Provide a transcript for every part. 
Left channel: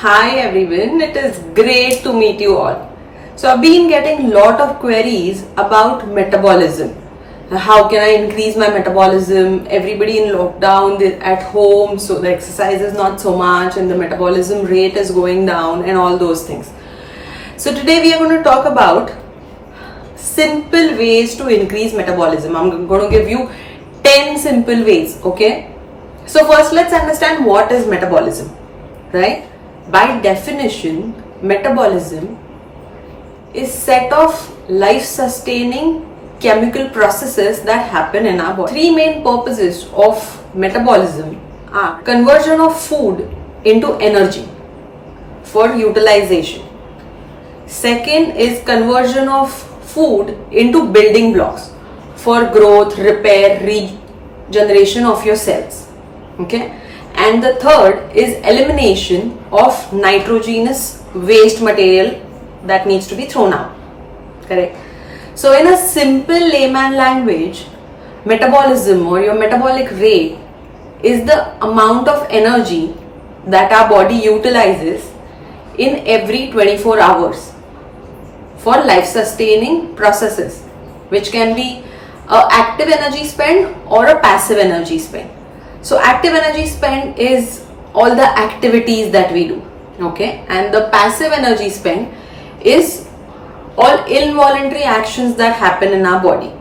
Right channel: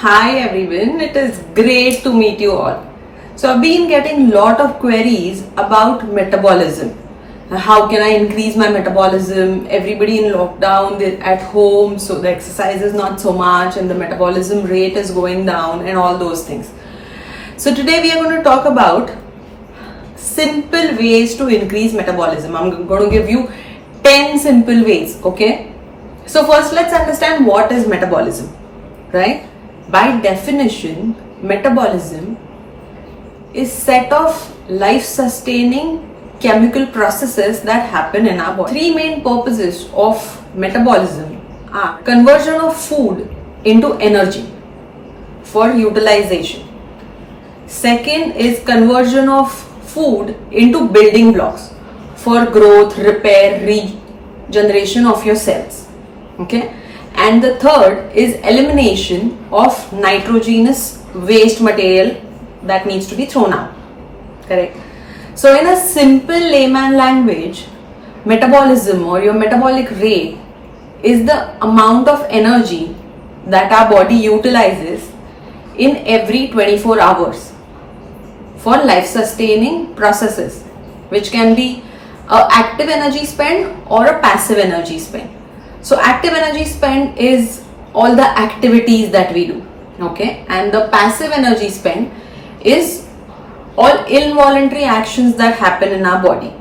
Hi everyone, it is great to meet you all. So I've been getting lot of queries about metabolism. How can I increase my metabolism? Everybody in lockdown, they're at home, so the exercise is not so much and the metabolism rate is going down and all those things. So today we are going to talk about simple ways to increase metabolism. I'm going to give you 10 simple ways, okay? So first let's understand what is metabolism, right? By definition, metabolism is set of life-sustaining chemical processes that happen in our body. Three main purposes of metabolism are conversion of food into energy for utilization. Second is conversion of food into building blocks for growth, repair, regeneration of your cells. Okay? And the third is elimination of nitrogenous waste material that needs to be thrown out. Correct? So in a simple layman language, metabolism or your metabolic rate is the amount of energy that our body utilizes in every 24 hours for life-sustaining processes, which can be an active energy spend or a passive energy spend. So active energy spend is all the activities that we do, okay? And the passive energy spend is all involuntary actions that happen in our body,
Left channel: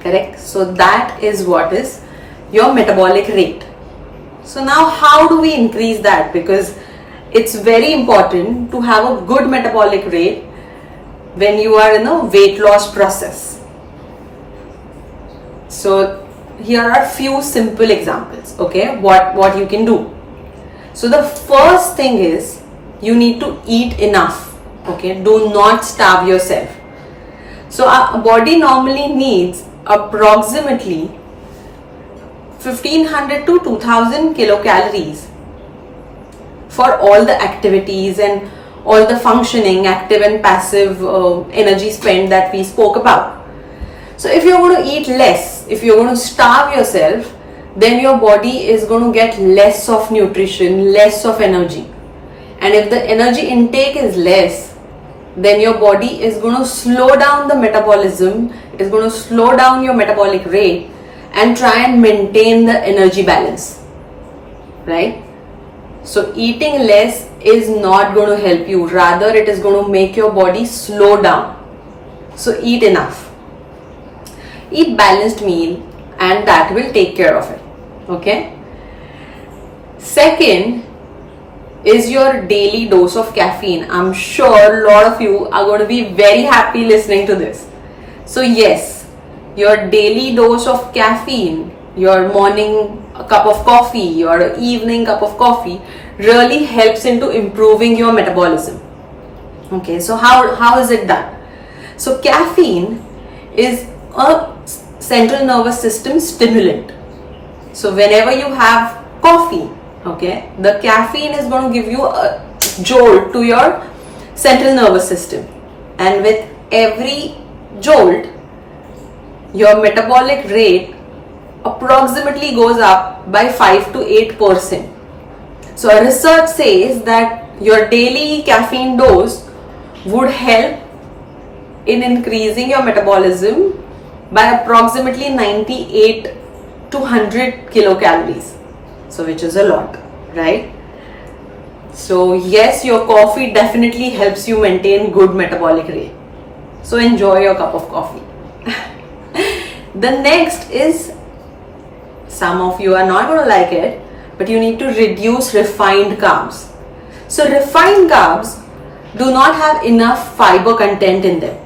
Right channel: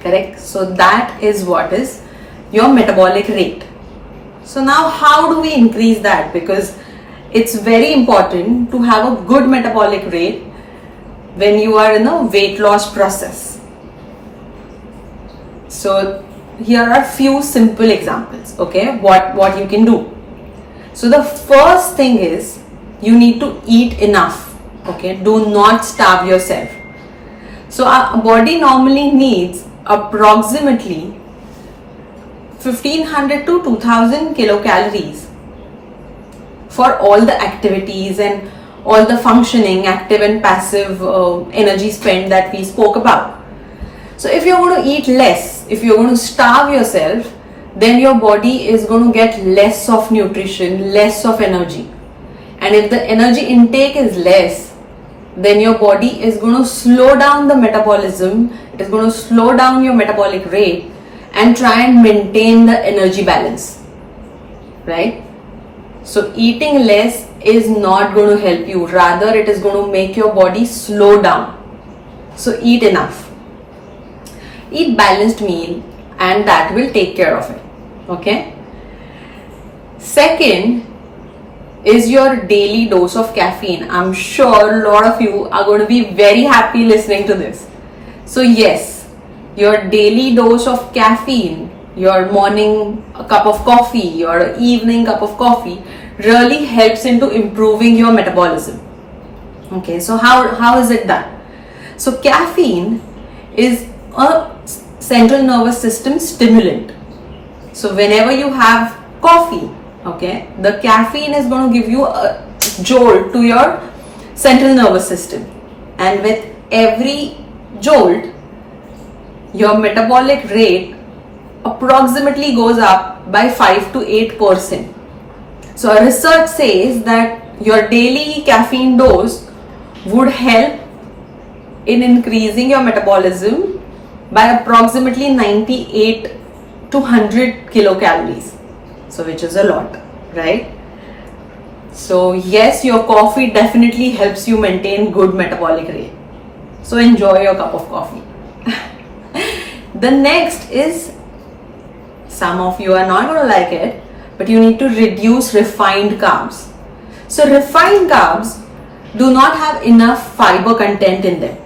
correct? So that is what is your metabolic rate. So now how do we increase that? Because it's very important to have a good metabolic rate when you are in a weight loss process. So here are few simple examples, okay, what you can do. So the first thing is you need to eat enough, okay? Do not starve yourself. So our body normally needs approximately 1500 to 2000 kilocalories for all the activities and all the functioning, active and passive energy spend that we spoke about. So if you're going to eat less, if you're going to starve yourself, then your body is going to get less of nutrition, less of energy. And if the energy intake is less, then your body is going to slow down the metabolism, it is going to slow down your metabolic rate and try and maintain the energy balance, right? So eating less is not going to help you, rather it is going to make your body slow down. So eat enough. Eat balanced meal and that will take care of it, okay? Second is your daily dose of caffeine. I'm sure a lot of you are going to be very happy listening to this. So yes, your daily dose of caffeine, your morning cup of coffee, your evening cup of coffee really helps into improving your metabolism. Okay, so how is it done? So caffeine is a central nervous system stimulant. So whenever you have coffee, okay, the caffeine is going to give you a jolt to your central nervous system, and with every jolt your metabolic rate approximately goes up by 5 to 8%. So a research says that your daily caffeine dose would help in increasing your metabolism by approximately 98 to 100 kilocalories. So which is a lot, right? So yes, your coffee definitely helps you maintain good metabolic rate. So enjoy your cup of coffee. The next is, some of you are not going to like it, but you need to reduce refined carbs. So refined carbs do not have enough fiber content in them.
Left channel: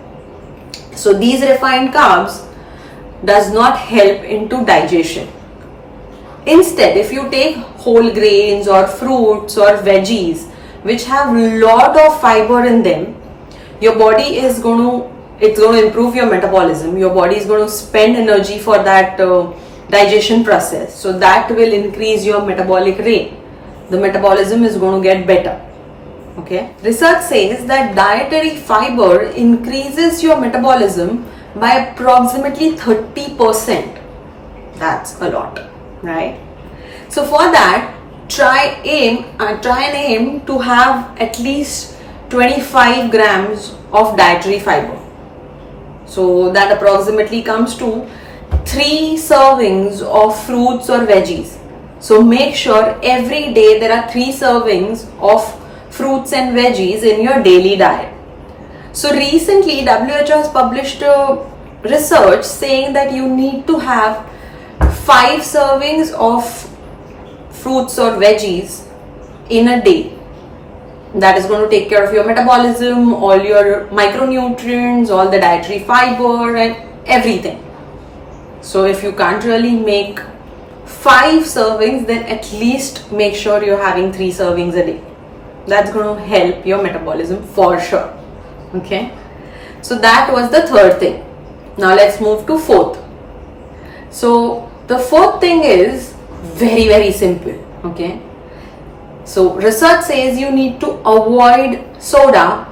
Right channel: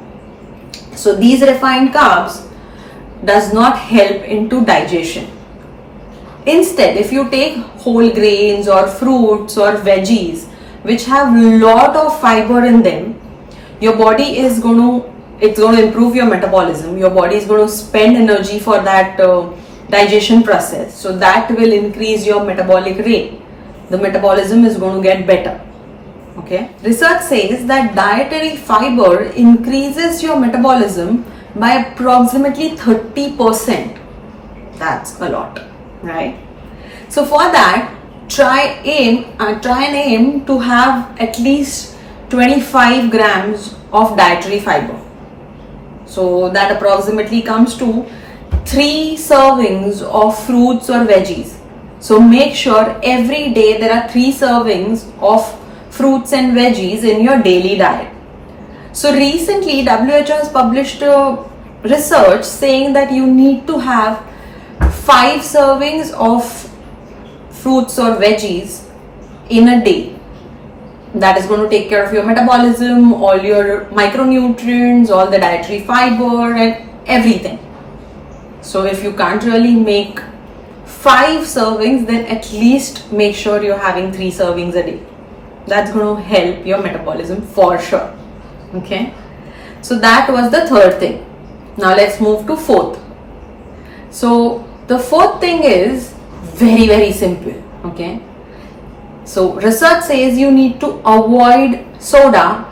So these refined carbs does not help into digestion. Instead, if you take whole grains or fruits or veggies which have lot of fiber in them, your body is going to improve your metabolism. Your body is going to spend energy for that digestion process. So that will increase your metabolic rate. The metabolism is going to get better. Okay. Research says that dietary fiber increases your metabolism by approximately 30%. That's a lot, right? So for that, try and aim to have at least 25 grams of dietary fiber. So that approximately comes to 3 servings of fruits or veggies. So make sure every day there are 3 servings of fruits and veggies in your daily diet. So recently WHO has published a research saying that you need to have 5 servings of fruits or veggies in a day. That is going to take care of your metabolism, all your micronutrients, all the dietary fiber and everything. So if you can't really make 5 servings, then at least make sure you're having 3 servings a day. That's going to help your metabolism for sure. Okay, so that was the third thing. Now let's move to fourth. So the fourth thing is very simple. Okay, so research says you need to avoid soda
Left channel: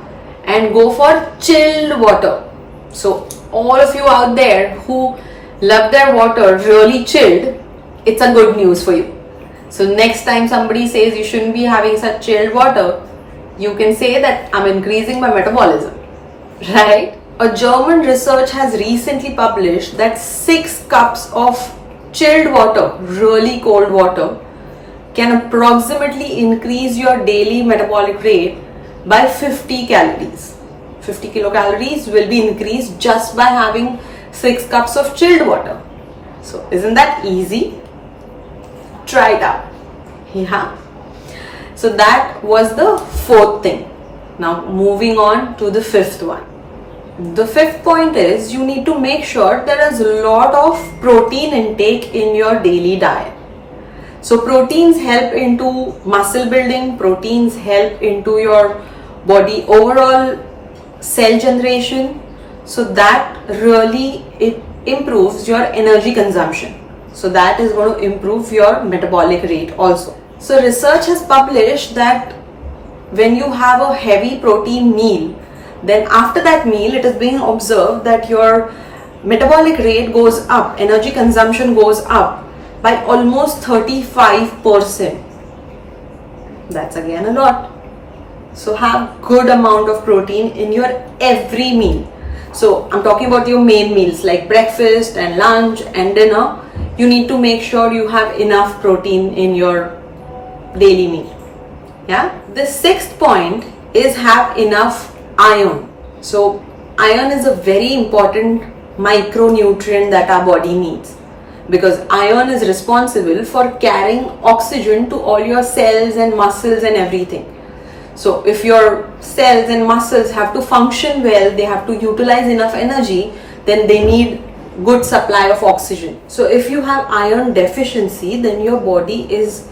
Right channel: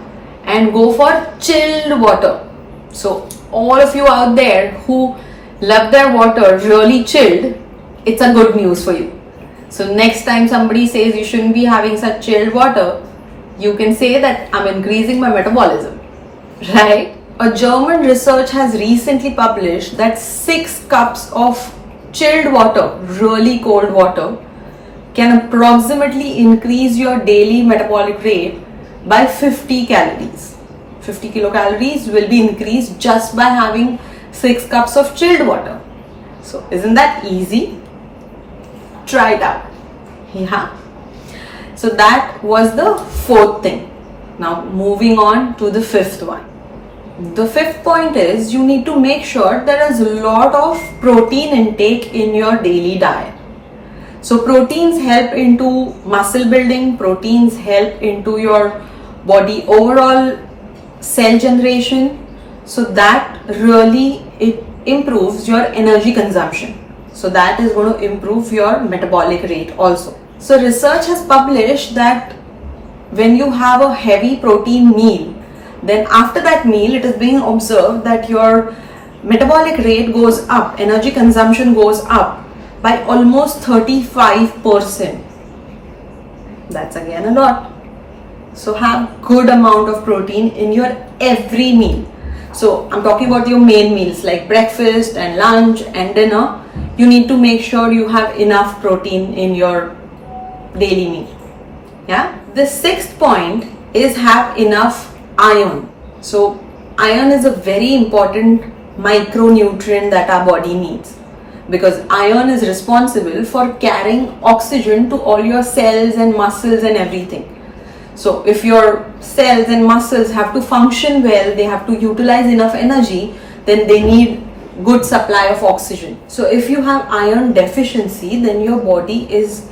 and go for chilled water. So all of you out there who love their water really chilled, it's a good news for you. So next time somebody says you shouldn't be having such chilled water, you can say that I'm increasing my metabolism, right? A German research has recently published that 6 cups of chilled water, really cold water, can approximately increase your daily metabolic rate by 50 calories. 50 kilocalories will be increased just by having 6 cups of chilled water. So isn't that easy? Try it out. Yeah. So that was the fourth thing. Now moving on to the fifth one. The fifth point is you need to make sure there is a lot of protein intake in your daily diet. So proteins help into muscle building, proteins help into your body overall cell generation. So that really it improves your energy consumption. So that is going to improve your metabolic rate also. So research has published that when you have a heavy protein meal, then after that meal it is being observed that your metabolic rate goes up, energy consumption goes up by almost 35%. That's again a lot. So have good amount of protein in your every meal. So I'm talking about your main meals like breakfast and lunch and dinner. You need to make sure you have enough protein in your daily meal. Yeah. The sixth point is have enough iron. So iron is a very important micronutrient that our body needs, because iron is responsible for carrying oxygen to all your cells and muscles and everything. So if your cells and muscles have to function well, they have to utilize enough energy, then they need good supply of oxygen. So if you have iron deficiency, then your body is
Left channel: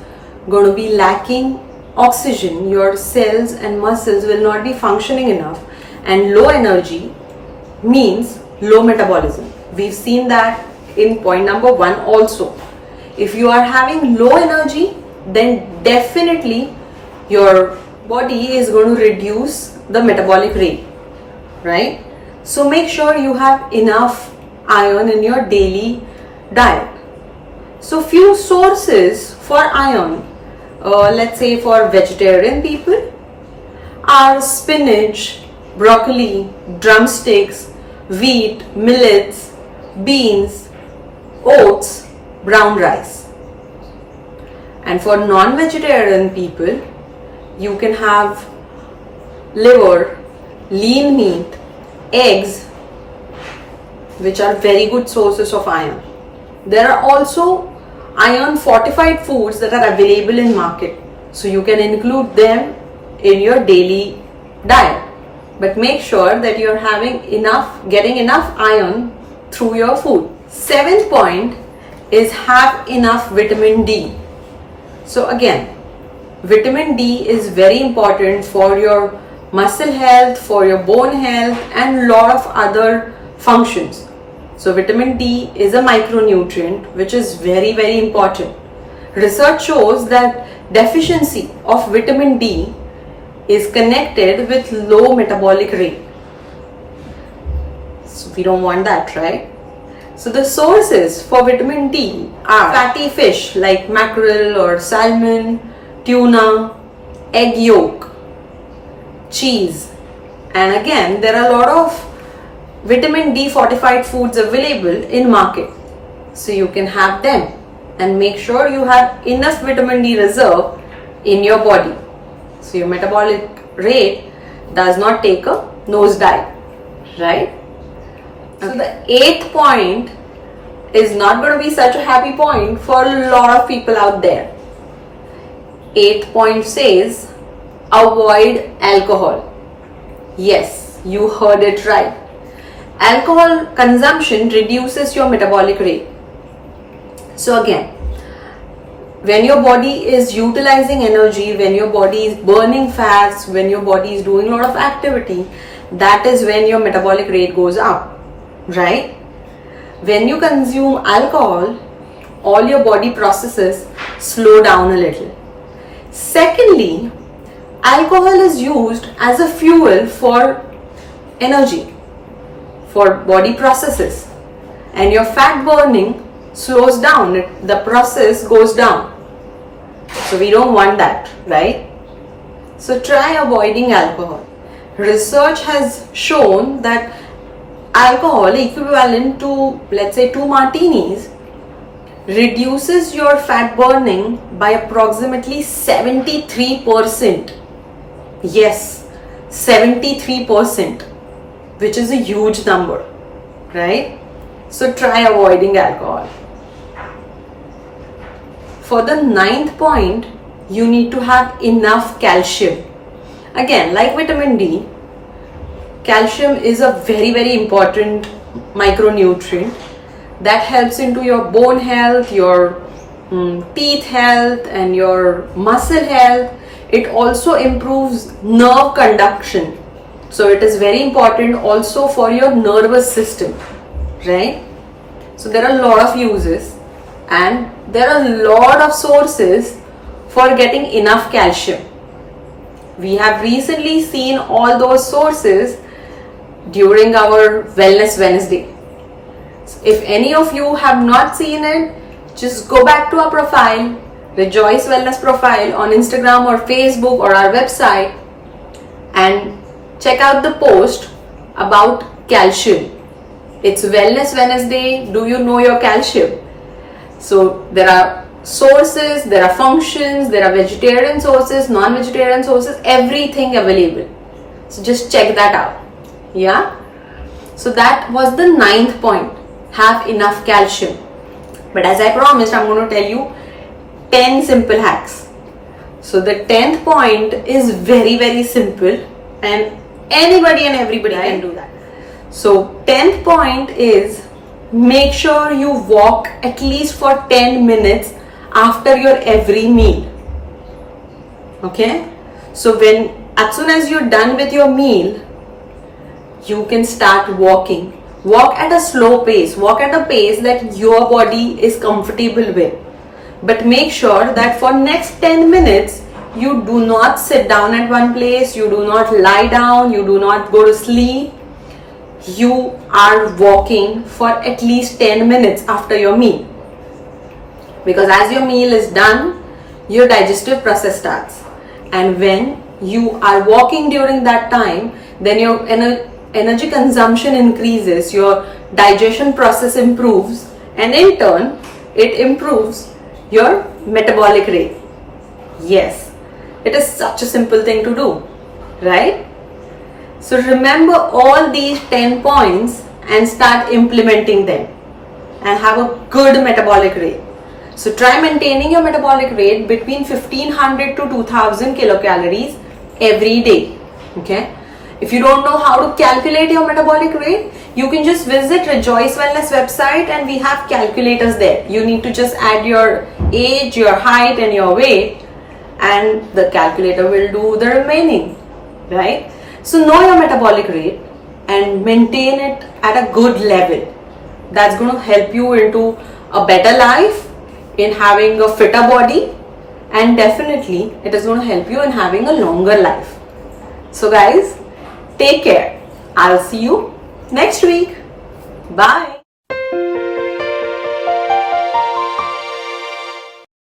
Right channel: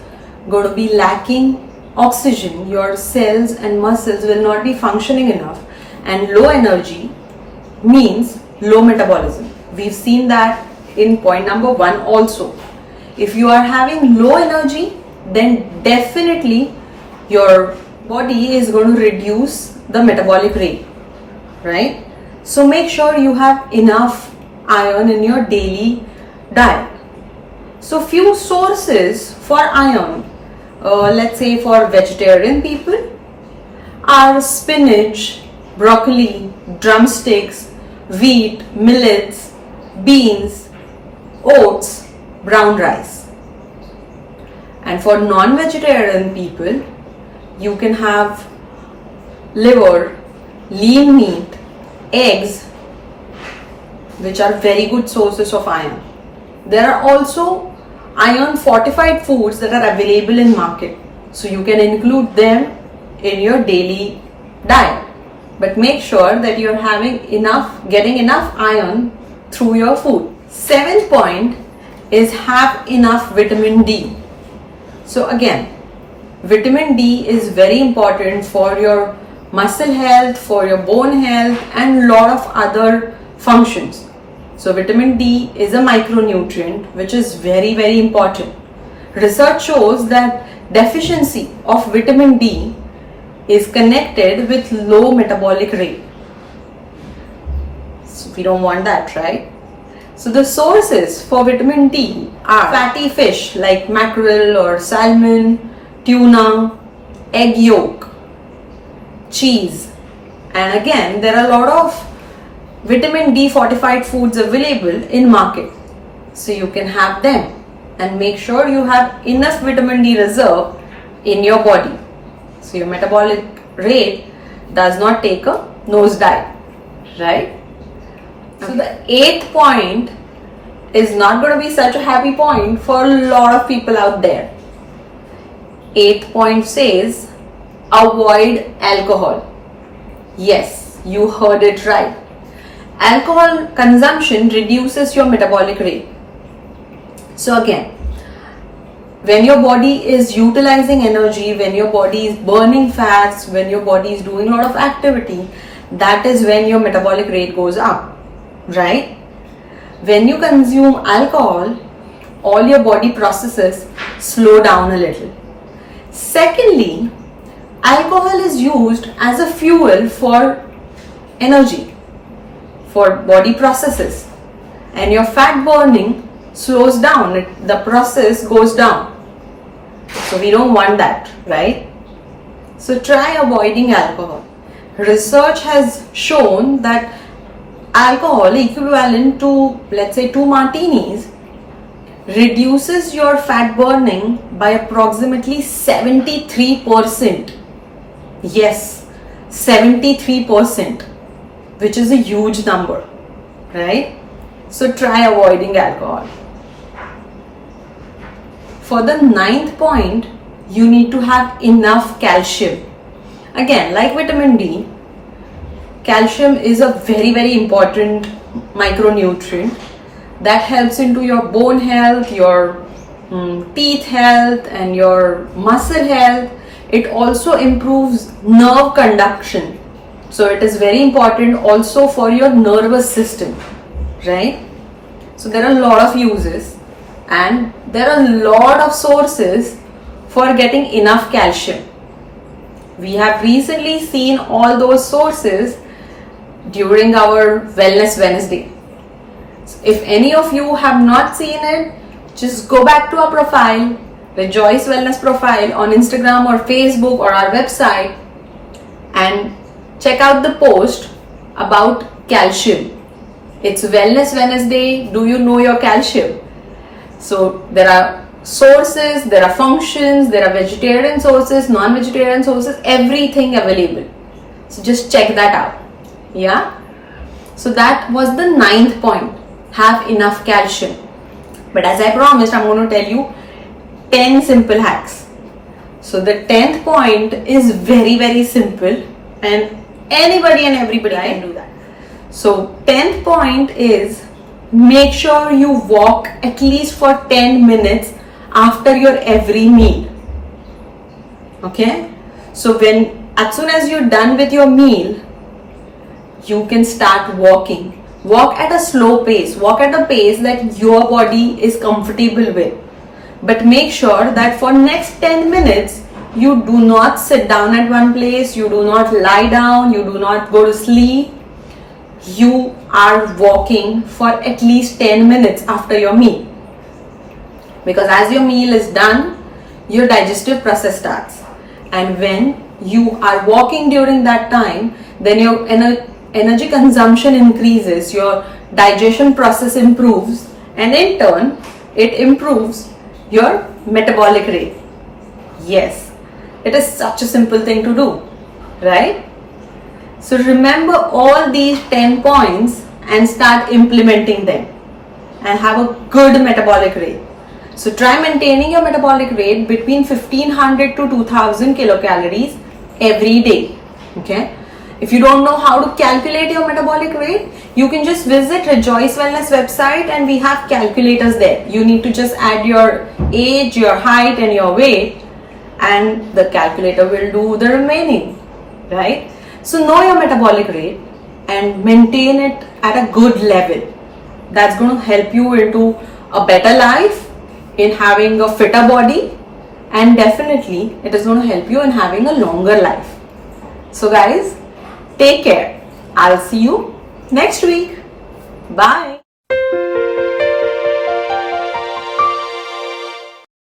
going to be lacking oxygen. Your cells and muscles will not be functioning enough, and low energy means low metabolism. We've seen that in point number 1 also. If you are having low energy, then definitely your body is going to reduce the metabolic rate, right? So make sure you have enough iron in your daily diet. So few sources for iron, let's say for vegetarian people, are spinach, broccoli, drumsticks, wheat, millets, beans, oats, brown rice. And for non-vegetarian people, you can have liver, lean meat, eggs, which are very good sources of iron. There are also iron fortified foods that are available in market, so you can include them in your daily diet, but make sure that you're getting enough iron through your food. Seventh point is have enough vitamin D. So again, vitamin D is very important for your muscle health, for your bone health, and a lot of other functions. So vitamin D is a micronutrient which is very important. Research shows that deficiency of vitamin D is connected with low metabolic rate. So we don't want that, right? So the sources for vitamin D are fatty fish like mackerel or salmon, tuna, egg yolk, cheese. And again, there are a lot of vitamin D fortified foods available in market. So you can have them and make sure you have enough vitamin D reserve in your body. So your metabolic rate does not take a nosedive, right? Okay. So the 8th point is not going to be such a happy point for a lot of people out there. 8th point says avoid alcohol. Yes, you heard it right. Alcohol consumption reduces your metabolic rate. So again, when your body is utilizing energy, when your body is burning fats, when your body is doing a lot of activity, that is when your metabolic rate goes up, right? When you consume alcohol, all your body processes slow down a little. Secondly, alcohol is used as a fuel for energy, for body processes, and your fat burning slows down, the process goes down. So we don't want that, right? So try avoiding alcohol. Research has shown that alcohol equivalent to, let's say, 2 martinis reduces your fat burning by approximately 73%. Yes, 73%, which is a huge number, right? So try avoiding alcohol. For the 9th point, you need to have enough calcium. Again, like vitamin D, calcium is a very, very important micronutrient that helps into your bone health, your teeth health, and your muscle health. It also improves nerve conduction. So it is very important also for your nervous system, right? So there are a lot of uses and there are a lot of sources for getting enough calcium. We have recently seen all those sources during our Wellness Wednesday. If any of you have not seen it, just go back to our profile, Rejoice Wellness profile on Instagram or Facebook or our website, and check out the post about calcium. It's Wellness Wednesday. Do you know your calcium? So there are sources, there are functions, there are vegetarian sources, non-vegetarian sources, everything available. So just check that out. Yeah. So that was the 9th point. Have enough calcium. But as I promised, I'm going to tell you 10 simple hacks. So the 10th point is very, very simple and anybody and everybody can do that. So 10th point is make sure you walk at least for 10 minutes after your every meal. Okay? So as soon as you're done with your meal, you can start walking. Walk at a slow pace. Walk at a pace that your body is comfortable with. But make sure that for next 10 minutes, you do not sit down at one place. You do not lie down. You do not go to sleep. You are walking for at least 10 minutes after your meal. Because as your meal is done, your digestive process starts. And when you are walking during that time, then your energy consumption increases, your digestion process improves, and in turn, it improves your metabolic rate. Yes, it is such a simple thing to do, right? So remember all these 10 points and start implementing them and have a good metabolic rate. So try maintaining your metabolic rate between 1500 to 2000 kilocalories every day. Okay. If you don't know how to calculate your metabolic rate, you can just visit Rejoice Wellness website and we have calculators there. You need to just add your age, your height and your weight and the calculator will do the remaining, right? So know your metabolic rate and maintain it at a good level. That's going to help you into a better life, in having a fitter body, and definitely it is going to help you in having a longer life. So guys, take care. I'll see you next week. Bye.